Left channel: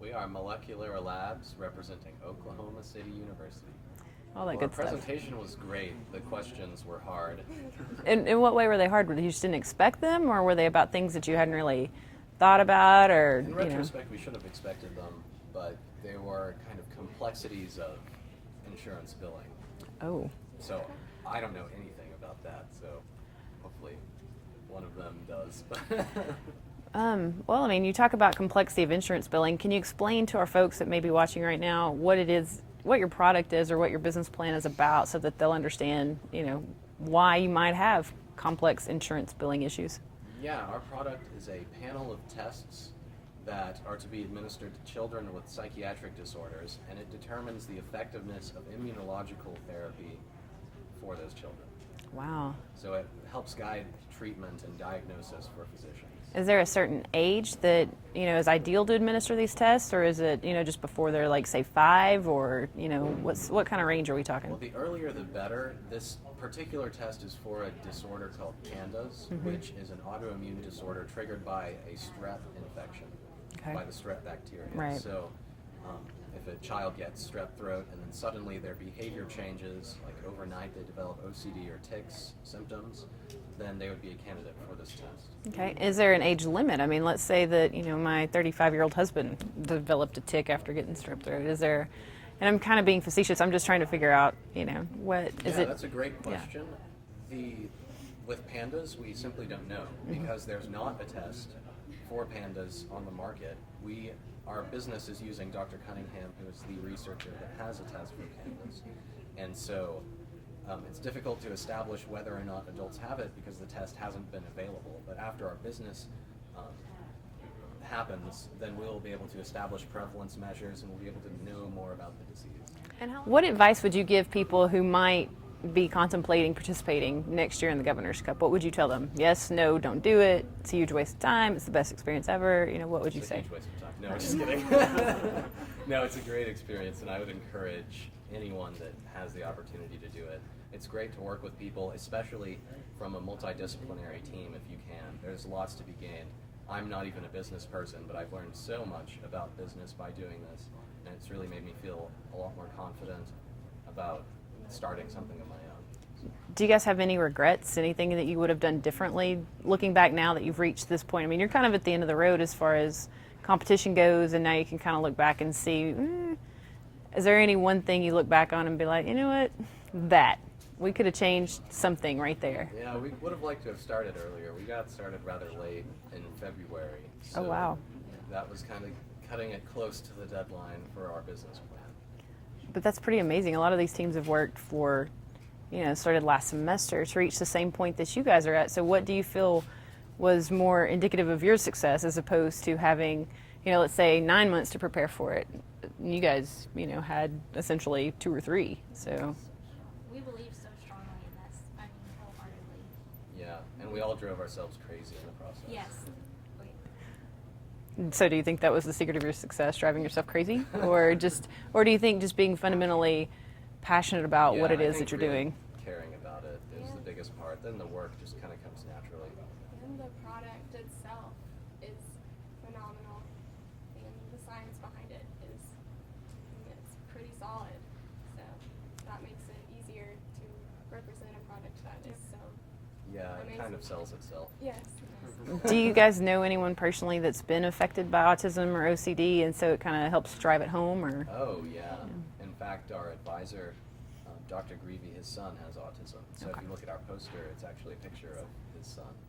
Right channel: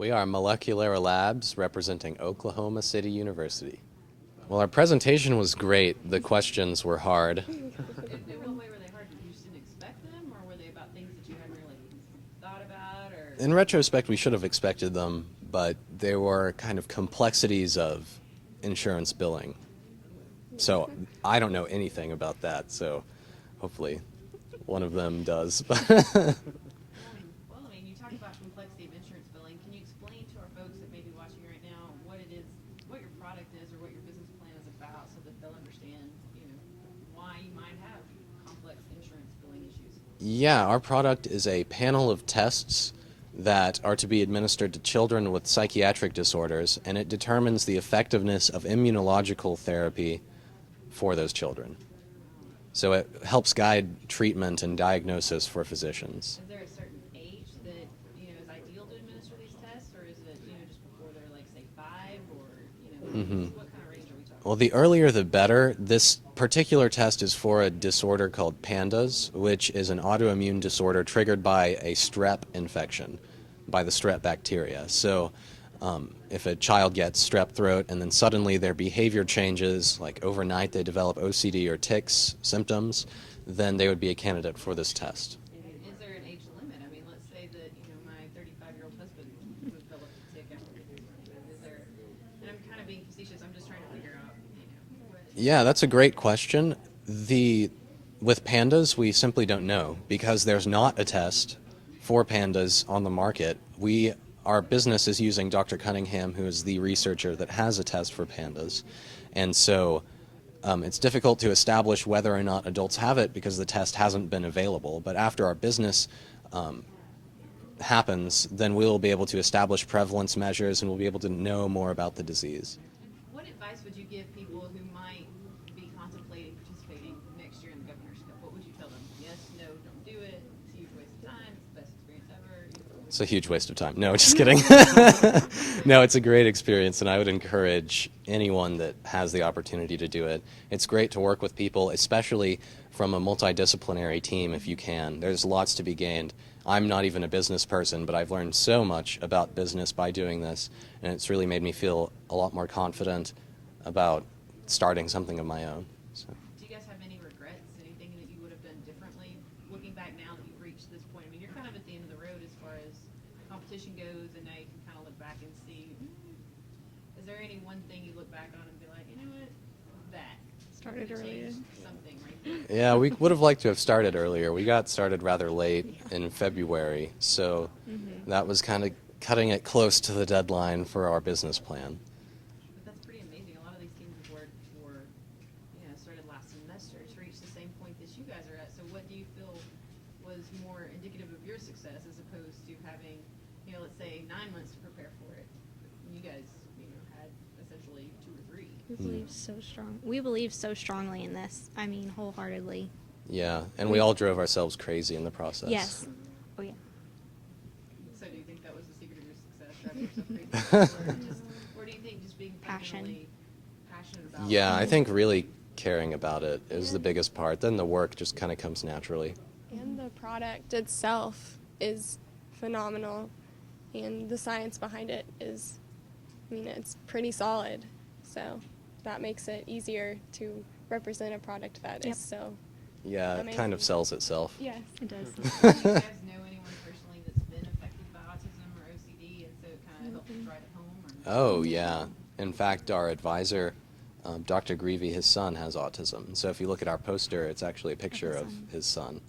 We are Moleculera Labs representing Oklahoma City University. All that Well, our good stuff. presentation was great. The questions were hard. In what way were they hard? Were you just didn't expect them, or were they about things that you hadn't really thought about? Or In retrospect, we should have expected them, but they were kind of complexities of insurance billing. Oh, So I don't know anything about that, so hopefully one of them does. well, I mean, you talk about complexity of insurance billing. Can you explain to our folks that may be watching right now what it is, what your product is, or what your business plan is about, so that they'll understand, why you might have complex insurance billing issues? Yeah, our product is a panel of tests that are to be administered to children with psychiatric disorders, and it determines the effectiveness of immunological therapy for those children. Wow. So it helps guide treatment and diagnosis for physicians. Is there a certain age that is ideal to administer these tests, or is it just before they're like say 5, or what kind of range are we talking? Well, the earlier the better. This particular test is for a disorder called PANDAS, which is an autoimmune disorder triggered by a strep infection, by the strep bacteria. Right. So if a child gets strep throat and then suddenly their behavior changes, like overnight they develop OCD or tics symptoms, then they would be a candidate for this test. Okay. Is there an age limit? I mean, let's say that my 35-year-old husband developed a tic after getting strep throat. Is there? And I'm kind of being facetious. I'm just trying to figure out, what. Yeah, that's a great question. With pandas, we simply don't know because there's not a test for pandas on the market. Our business is using Dr. Cunningham, who is the researcher that has a test for pandas. And so it's difficult to establish whether or not adults have it because the test hasn't been available. But after our business happens, then we'll be able to establish prevalence measures and we'll be able to know more about the disease. What advice would you give people who might be contemplating participating next year in the Governor's Cup? What would you tell them? Yes, no, don't do it. It's a huge waste of time. It's the best experience ever. What would you say? It's a huge waste of time. No, just kidding. No, it's a great experience, and I would encourage anyone that has the opportunity to do it. It's great to work with people, especially from a multidisciplinary team if you can. There's lots to be gained. I'm not even a business person, but I've learned so much about business by doing this, and it's really made me feel a lot more confident about starting something of my own. So. Do you guys have any regrets? Anything that you would have done differently looking back now that you've reached this point? I mean, you're kind of at the end of the road as far as competition goes, and now you can kind of look back and see, is there any one thing you look back on and be like, you know what, that we could have changed something right there? Yeah, we would have liked to have started earlier. We got started rather late in February, so wow. That was kind of cutting it close to the deadline for our business plan. But that's pretty amazing. A lot of these teams have worked for, started last semester to reach the same point that you guys are at. So what do you feel was more indicative of your success as opposed to having, let's say 9 months to prepare for it? You guys, had essentially 2 or 3. So strong. We believe so strongly in this. I mean, wholeheartedly. Yeah, and we all drove ourselves crazy in the process. Yes. Oh, yeah. So do you think that was the secret of your success, driving yourself crazy? or do you think just being fundamentally passionate about Yeah, what it I is think that you're really doing? caring about it is the biggest part. Then the work just kind of comes naturally. And the product itself is phenomenal, and the science behind it is, it's pretty solid. So that makes it easier to represent a product that is so Yeah, it kind of amazing. sells itself. Yes. It does. Do you guys know anyone personally that's been affected by autism or OCD, and so it kind of helps drive it home? Or Oh, yeah. In fact, our advisor, Dr. Greavy, his son has autism. So if you look at our poster, it's actually a picture of his son.